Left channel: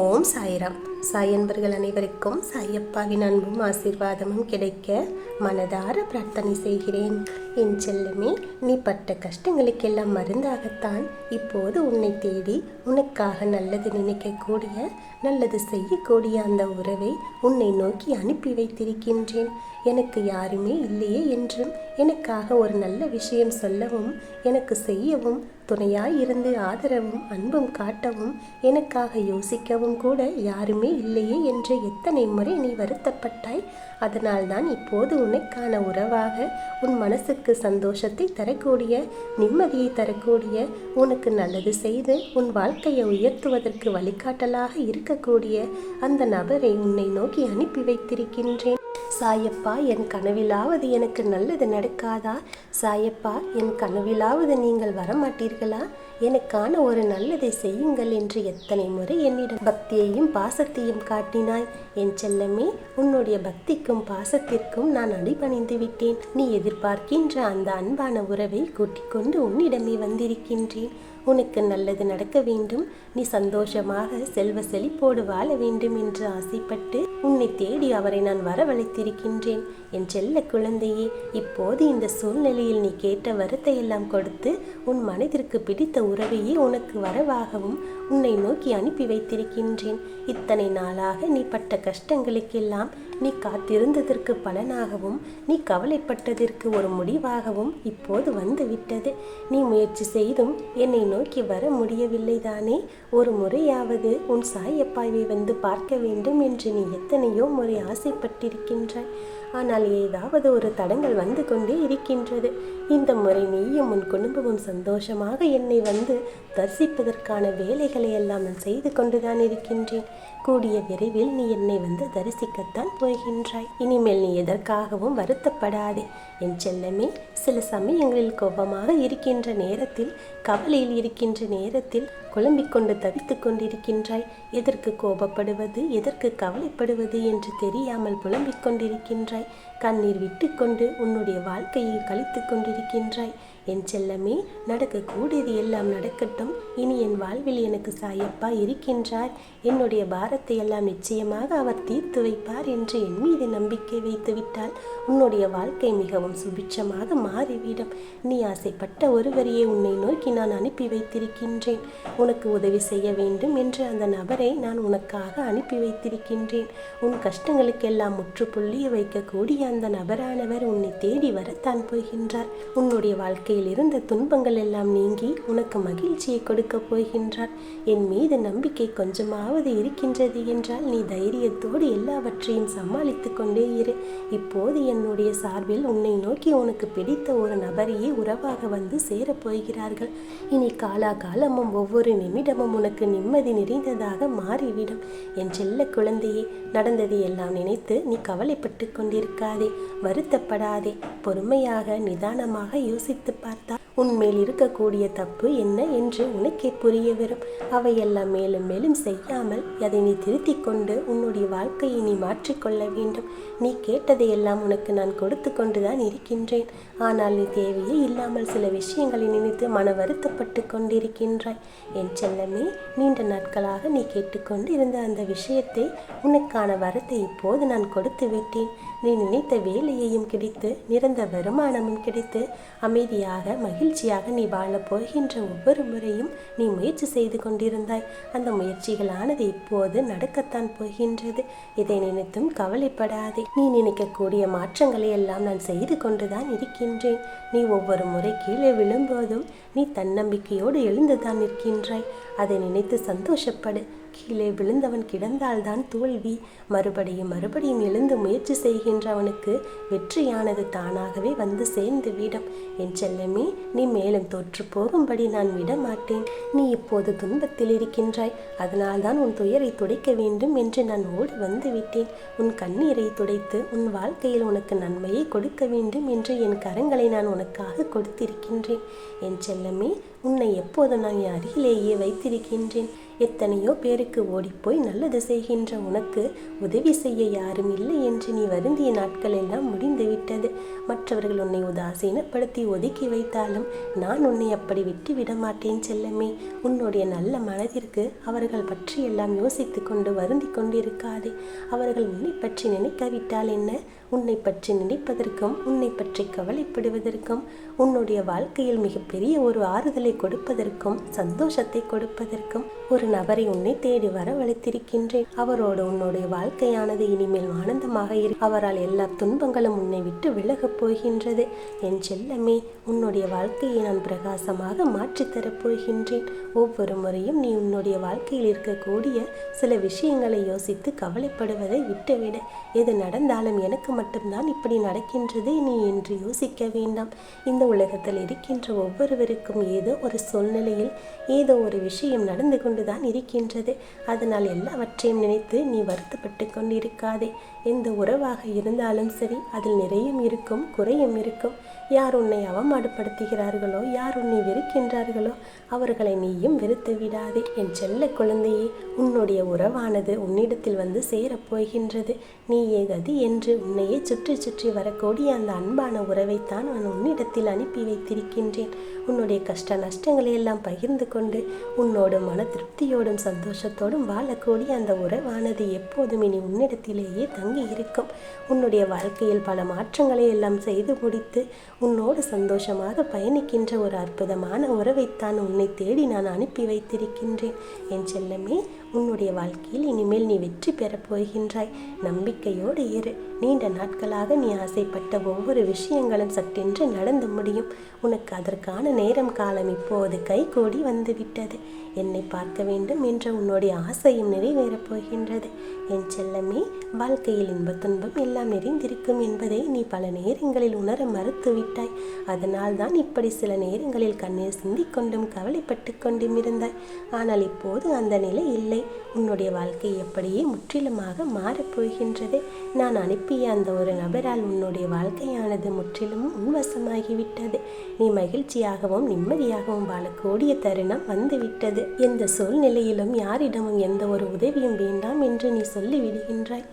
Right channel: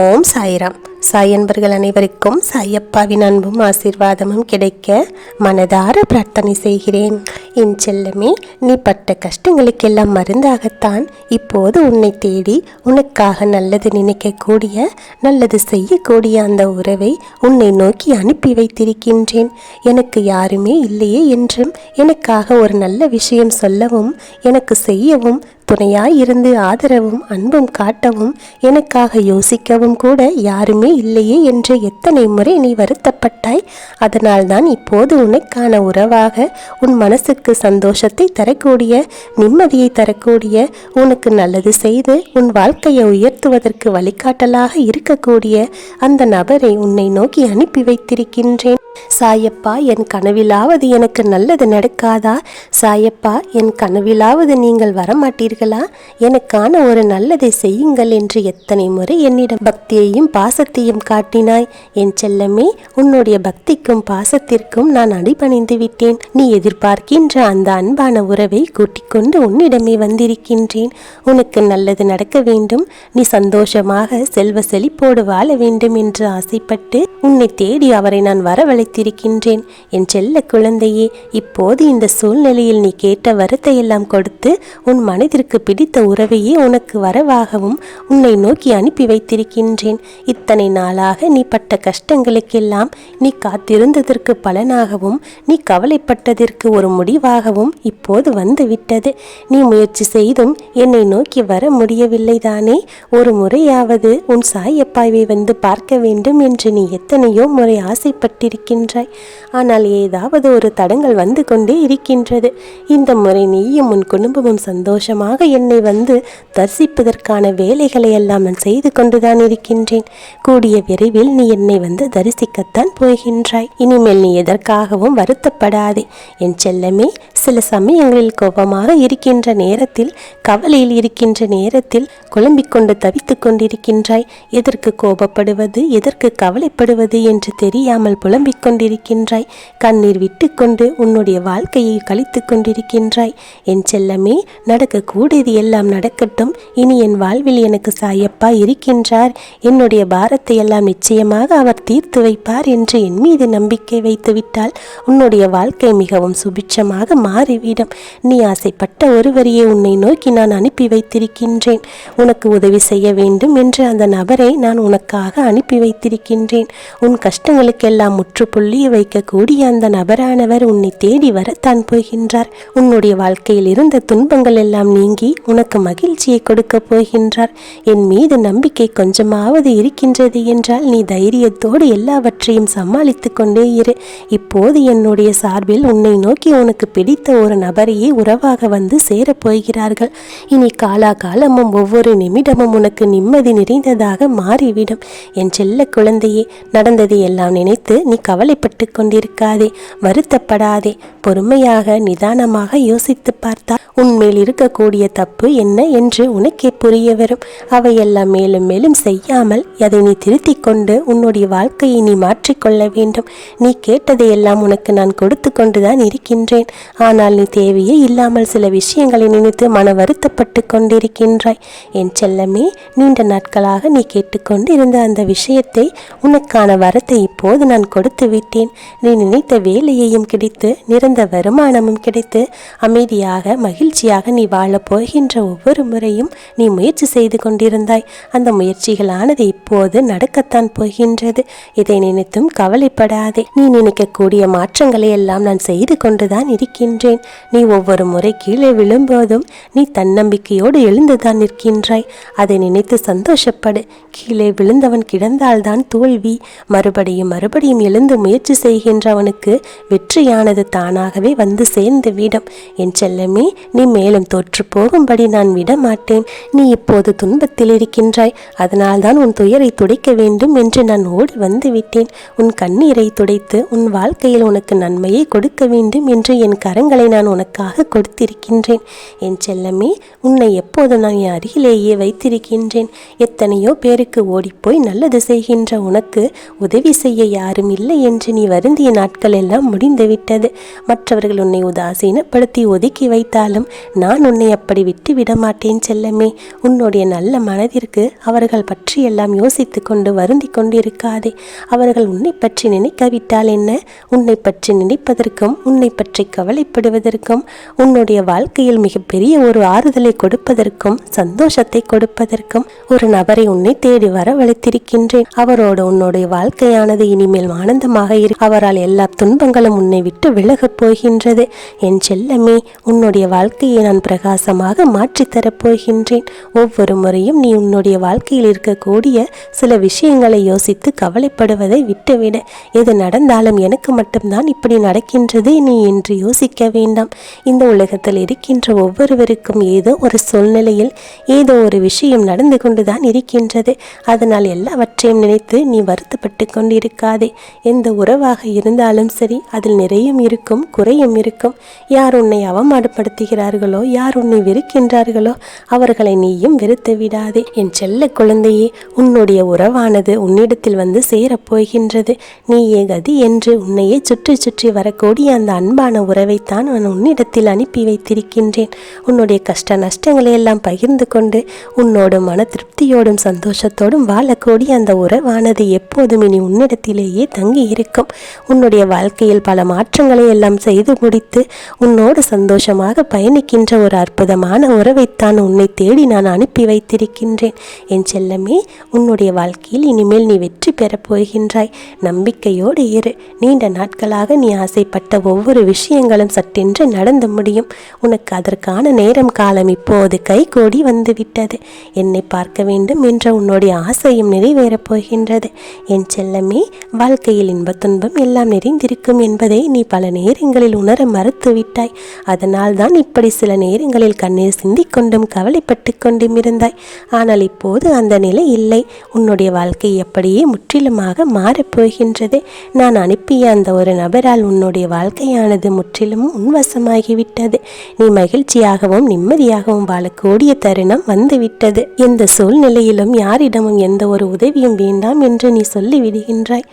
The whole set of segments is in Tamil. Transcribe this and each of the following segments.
ஓம் சாய்ராம். சாய் அன்பர்கள் அனைவருக்கும் சாயப்பாவின் அன்பும் ஆசீர்வாதமும் கிடைக்க மனதார பிரார்த்தனை செய்கிறேன். என் செல்லமே, நீ பட்ட கஷ்டங்களுக்கெல்லாம் மருந்தாகத்தான் இப்போது உன்னை தேடி உனக்காக நல்லது நினைக்கக்கூடிய, நல்லது செய்யக்கூடிய அந்த உறவை உன்னை நோக்கி அனுப்பி வைத்திருக்கின்றேன். எனக்கு யாருமே இல்லையே என்றும் எனக்காக ஒரு நல்ல விஷயம் சொல்லவும், எனக்கு செய்யவும், துணையாய் இருந்து ஆதரவும் அன்பும் காட்டவும், எனக்காக யோசிக்கவும் கூட யாருமே இல்லையே என்று எத்தனை முறை நீ வருத்தப்பட்டாய். அதனால்தான் இப்போது உனக்கான உறவாக, உன் மனசுக்கு சந்தோஷத்தை தரக்கூடிய, நிம்மதியை தரக்கூடிய, உனக்கு நல்லது செய்து உன் வாழ்க்கையை உயர்த்துவதற்கு வழிகாட்டலாக இருக்கக்கூடிய அந்த நபரை உன்னை நோக்கி அனுப்பி வைத்திருக்கின்றேன். சாயப்பா, என் கனவிலாவது எனக்கு நல்லது நடக்காதா? சாயப்பா, என் கனவிலாவது நீங்கள் வரமாட்டீர்களா? எனக்கான ஒரு நல்லதை செய்யுங்கள் என்று எத்தனை முறை என்னிடம் பக்தியையும் பாசத்தையும் காட்டினாய். என் செல்லமே, உன்னுடைய பக்திக்கும் பாசத்திற்கும் நான் அடிபணிந்து விட்டேன். நீ எதிர்பார்க்கின்ற அந்த அன்பான உறவை கூட்டிக் கொண்டு உன்னிடமே வந்திருக்கின்றேன். உனக்கு நல்லது நடக்க வேண்டும், நீ சந்தோஷமாக செல்வ செழிப்போடு வாழ வேண்டும் என்று ஆசைப்பட்டு உன்னை தேடி அவரை நான் வரவழைத்திருக்கின்றேன். என் செல்ல குழந்தையே, இப்போது இந்த சூழ்நிலையில் நீ கேட்ட வரத்தை எல்லாம் கொடுத்து உன் மனதிற்கு பிடித்த உறவையே உனக்கு வரவாகவும் உன்னை நோக்கி அனுப்பி வைத்திருக்கின்றேன். இத்தனை நாளாக நீ பட்ட கஷ்டங்களுக்கெல்லாம் நீ காத்திருந்ததற்கு பலனாகவும், நீ கவலைப்பட்டதற்கு ஒரு முடிவாகவும் இப்போது வந்து விட்டது. நீ முயற்சி செய்தும் என்னை நோக்கி வர முடியவில்லை தானே? ஒரு முறையாவது உன் சாயப்பாவை வந்து பார்க்க வேண்டும் என்று நீ எத்தனையோ முறை ஆசைப்பட்டிருக்கின்றாய். ஆனால் ஏதாவது ஒரு தடங்கள் வந்து கொண்டே இருக்கின்றது. இந்த முறை நீயும் உன் குடும்பமும் சந்தோஷமாக என்னை வந்து தரிசிப்பதற்கான வேலைகளை எல்லாம் நான் செய்து கொண்டுதான் இருக்கின்றேன். கூடிய விரைவில் நீ என்னை வந்து தரிசிக்கத்தான் போகின்றாய். இனிமேல் நீ எதற்காகவும் வருத்தப்படாதே என் செல்லமே. சில சமயங்களில் கோபமாக இருக்கின்ற நேரத்தில், கவலையில் இருக்கின்ற நேரத்தில் குழம்பிக் கொண்டு தவித்து கொண்டிருக்கின்றாய். எதற்கு கோபப்படுவது, எதற்கு கவலைப்படுவது என்று தெரியாமல் புலம்பிக் கொண்டிருக்கின்றாய். கண்ணீர் விட்டு கொண்டு உன்னுடைய வாழ்க்கையை கழித்து கொண்டிருக்கின்றாய். என் செல்லமே, நடக்கக்கூடியது எல்லாம் நடக்கட்டும். இனி என் வாழ்வில் எனக்கு சாயப்பா இருக்கின்றார். என்னுடைய பாரத்தை எல்லாம் நிச்சயமாக அவர் தீர்த்து வைப்பார் என்று என் மீது நம்பிக்கை வைத்துவிட்டால் உன்னுடைய வாழ்க்கை மிகவும் சுபிட்சமாக மாறிவிடும். நீ ஆசைப்பட்ட ஒருவரையே உன்னை நோக்கி நான் அனுப்பி வைத்திருக்கின்றேன். உனக்கு உதவி செய்ய வேண்டும் என்று அந்த நபரை நான் உனக்காக அனுப்பி வைத்திருக்கின்றேன். உன் கஷ்டங்களுக்கெல்லாம் முற்றுப்புள்ளி வைக்கக்கூடிய அந்த நபரானவர் உன்னை தேடி வரத்தான் போகின்றார். உன்னுடைய வாழ்க்கையில் இருந்த துன்பங்கள் எல்லாம் நீங்கி உனக்கு மகிழ்ச்சியை கொடுக்க போகின்றார். என் மீது நம்பிக்கை கொஞ்சமாவது இருக்கின்றது என்றால் நீ தைரியத்தோடு எல்லாவற்றையும் சமாளித்து கொண்டே இரு. இப்போது என்னுடைய சார்பில் உன்னை நோக்கி உனக்கு பிடித்த ஒரு நபரையே உறவாக வந்து சேரப்போகிறார்கள். இனி காலாகாலமும் ஒவ்வொரு நிமிடமும் உனக்கு நிம்மதி நிறைந்ததாக மாறிவிடும். என் செல்ல குழந்தையே, நடந்ததை எல்லாம் நினைத்து நீ கவலைப்பட்டு கொண்டிருக்காதே, வருத்தப்படாதே. பொறுமையாக நிதானமாக யோசித்து பார்த்தா உன்மேல் இருக்கக்கூடிய தப்பு என்ன என்று உனக்கே புரிய வரும். அவையெல்லாம் மேலும் மேலும் செய்யாமல் அதை நீ திருத்திக் கொண்டு உன்னுடைய வாழ்க்கையை நீ மாற்றிக்கொள்ள வேண்டும். நீ கேட்டதையெல்லாம் உனக்கு நான் கொடுத்து கொண்டுதான் இருக்கின்றேன். ஆனால் நீ தேவையே இல்லாமல் சில விஷயங்களை நினைத்து மன வருத்தப்பட்டு கொண்டிருக்கின்றாய். என் செல்லமே, நீண்ட நாட்களாக நீ கேட்டுக்கொண்டு இருந்த அந்த விஷயத்தை, உனக்கான வரத்தை இப்போது நான் கொடுத்து விட்டேன். நீ நினைத்த வேலையையும் கிடைத்து, நிரந்த வருமானமும் கிடைத்து, அமைதியாக மகிழ்ச்சியாக நீ வாழப் போகின்ற ஒவ்வொரு முறையும் நீ முயற்சி செய்து கொண்டிருந்தாய். அந்த முயற்சிகளானது இப்போது நடக்கத்தான் போகின்றது. இதை நினைத்தும் கவலைப்படாதே. நீ நினைக்கக்கூடிய மாற்றங்களை எல்லாம் நான் செய்து கொண்டுதான் இருக்கின்றேன். நீ ஒவ்வொரு முறை கீழே விழும்போதும் நீ தன்னம்பிக்கையோடு எழுந்துதான் நிற்கின்றாய். அதை நினைத்து சந்தோஷப்படு. கீழே விழுந்தவன் கிடந்தால்தான் தோல்வி. மறுபடியும் மறுபடியும் எழுந்து முயற்சி செய்கின்றவனுக்கு வெற்றியானது தானாகவே வந்து சேர்ந்து விடும். என் செல்லமே, நீ மேலும் தோற்று போகும்படி நான் விட மாட்டேன். நீ இப்போது துன்பத்தில் இருக்கின்றாய். அதனால்தான் உன் துயரை துடைக்க வேண்டும் என்று நான் ஓடி வந்து விட்டேன். உன் கண்ணீரை துடைத்து உன் வாழ்க்கையில் உனக்கு நன்மையை கொடுக்க வேண்டும் என்று என் கரங்களை நான் உனக்காக கொடுத்திருக்கின்றேன். என் செல்லமே, உன்னை எப்போது நான் என் அருகிலேயே வைத்திருக்கின்றேன். எத்தனையோ பேருக்கு ஓடிப்போய் நல்லது செய்கின்ற உனக்கு உதவி செய்ய யாரும் இல்லை என்று நீ வருந்திய நாட்கள் எல்லாம் முடிந்துவிட்டது. மற்றவர்கள் உன்னை உதாசீனப்படுத்தி ஒதுக்கி வைத்தாலும் நான் உன்னை அப்படி விட்டு விட மாட்டேன் செல்லமே. உன்னுடைய நல்ல மனதிற்கு அவர்கள் பற்றி எல்லாம் யோசித்து கொண்டு வருந்தி கொண்டிருக்காதே. அவர்கள் உன்னை பற்றி நினைக்காவிட்டால் என்ன? உன்னை பற்றி நினைப்பதற்கும் உன்னை பற்றி கவலைப்படுவதற்கும் உன்னுடைய வாழ்க்கையில் மிகப்பெரிய ஒரு ஆறுதலை கொடுப்பதற்கும் சந்தோஷத்தை கொடுப்பதற்கும் ஒரு நபரை உன்னை தேடி வரவழைத்திருக்கின்றேன். அவரோடு உன்னுடைய வாழ்க்கையானது இனிமேல் ஆனந்தமாக அவரால் எல்லா துன்பங்களும் உன்னை விட்டு விலகப் போகின்றது. என் செல்லமே, உன்னுடைய வாழ்க்கையை நான் பிரகாசமாக மாற்றித்தரப் போகின்றேன். ஒவ்வொரு முறையும் நீ உன்னுடைய வாழ்க்கையில் இருக்கக்கூடிய சில விஷயங்களை யோசித்து கவலைப்படுவதை விட்டுவிட. எது நடந்தாலும் எனக்கு மட்டும்தான் இப்படி நடக்கின்றது நீ என்று யோசிக்க வேண்டாம். இந்த உலகத்தில் இருக்கின்ற ஒவ்வொருவருக்கும் ஏதோ ஒரு சூழ்நிலையில் ஏதோ ஒரு விஷயம் நடந்து கொண்டுதான் இருக்கின்றது. அதனால் எல்லாவற்றையும் நினைத்து நீ வருத்தப்பட்டு கொண்டிருக்காதே. எந்த உறவாக இருந்தாலும் சரி, அதில் நிறையும் இருக்கும், குறையும் இருக்கும். யார் உன்னை அவமானப்படுத்துகிறார்களோ, யார் உன்னை வெறுக்கின்றார்களோ அவர்களை நீயும் வெறுத்து விடாதே. என் செல்ல குழந்தையே, உன்னுடைய உறவானது உன்னிடத்தில் வந்து சேரப்போகின்றது. நீயே கதி என்று உன்னையே சுற்றி சுற்றி வரக்கூடிய அந்த அன்பான உறவைத்தான் நான் உன்னிடத்தில் அனுப்பி வைத்திருக்கின்றேன். உன்னுடைய கஷ்ட நஷ்டங்களை எல்லாம் பகிர்ந்து கொண்டு உன்னோடு மன திருப்தியோடும் சந்தோஷத்தோடும் வாழக்கூடிய அந்த உறவானது எப்போதும் இனி உன்னிடத்திலேயே தங்கி இருக்கும். உன்னுடைய வாழ்க்கையில் பல மாற்றங்களை எல்லாம் செய்து முடித்து உன்னோடு சந்தோஷமாக பயணிக்கின்ற ஒரு அற்புதமான உறவைத்தான் உன்னை தேடி நான் அனுப்பி வைத்திருக்கின்றேன். என் செல்லமே, உன்னுடைய வாழ்க்கையில் இனிமேல் நீ வெற்றி பெறப் போகின்றாய். நம்பிக்கையோடு இரு. நீண்ட நாட்களாக நீ ஆசைப்பட்ட ஒவ்வொரு விஷயங்களும் சட்டென்று நடந்து முடியும். உனக்கு அதற்கான நேரம் காலம் இப்போது கைகூடி வந்துவிட்டது. என்னை பார்க்க வேண்டும் என்ற உன்னுடைய ஆசையும் நிறைவேறப் போகின்றது. என் செல்லமே, வாழ்க்கையில் இன்ப துன்பம் எல்லாம் நிறைந்திருக்கும் என்பதை நீ பல நேரங்களில் உணர மறுத்துவிட்டாய். அதனால் தான் இப்படி சில நேரங்களில் கண்ணீர் சிந்திக்கொண்டும் கவலைப்பட்டு கொண்டும் இருந்தாய். ஆனால் இப்போது அந்த நிலை இல்லை. உன்னுடைய வாழ்க்கை எப்படியே முற்றிலுமாக மாறப்போகின்றது. நான் அனுப்பிய அந்த ஒரு நபரால் உன்னுடைய வாழ்க்கையானது முற்றிலும் உன்வசமாகிவிட்டது. நீ மகிழ்ச்சியாகவும் நிம்மதியாகவும் வாழக்கூடிய தருணம் வந்துவிட்டது. எந்த சூழ்நிலையிலும் யாரிடமும் எந்த ஒரு உதவியும் வேண்டாம் என்று நீ சொல்லிவிடுகின்றாய்.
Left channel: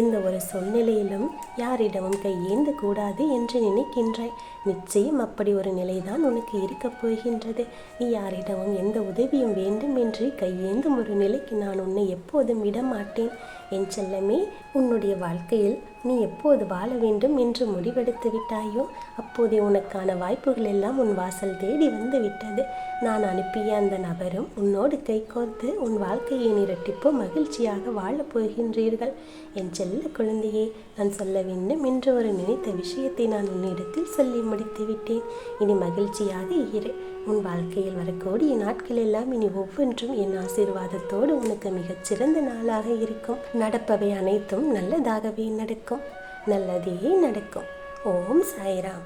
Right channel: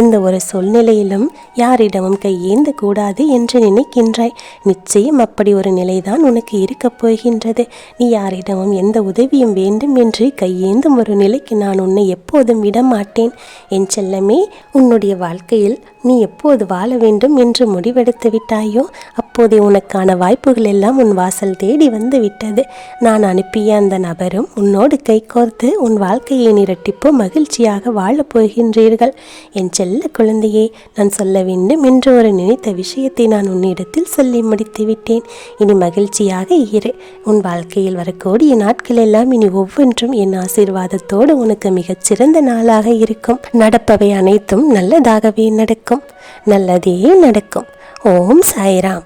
எந்த ஒரு சூழ்நிலையிலும் யாரிடமும் கையேந்த கூடாது என்று நினைக்கின்றாய். நிச்சயம் அப்படி ஒரு நிலைதான் உனக்கு இருக்கப் போகின்றது. நீ யாரிடமும் எந்த உதவியும் வேண்டும் என்று கையேந்தும் ஒரு நிலைக்கு நான் உன்னை எப்போதும் விடமாட்டேன். என் செல்லமே, உன்னுடைய வாழ்க்கையில் நீ எப்போது வாழ வேண்டும் என்று முடிவெடுத்து விட்டாயோ அப்போதே உனக்கான வாய்ப்புகள் எல்லாம் உன் வாசல் தேடி வந்து விட்டது. நான் அனுப்பிய அந்த நபரும் உன்னோடு கைகோர்த்து உன் வாழ்க்கையை இரட்டிப்பு மகிழ்ச்சியாக வாழப் போகின்றீர்கள். என் செல்ல குழந்தையே, நான் சொல்ல வேண்டும் என்று ஒரு நினைத்த விஷயத்தை நான் உன்னிடத்தில் சொல்லி முடித்து விட்டேன். இனி மகிழ்ச்சியாக இரு. உன் வாழ்க்கையில் வரக்கூடிய நாட்கள் எல்லாம் இனி ஒவ்வொன்றும் என் ஆசீர்வாதத்தோடு உனக்கு மிகச் சிறந்த நாளாக இருக்கும். நடப்பவை அனைத்தும் நல்லதாகவே நடக்கும். நல்லதே நடக்கும். ஓம் சாய்ராம்.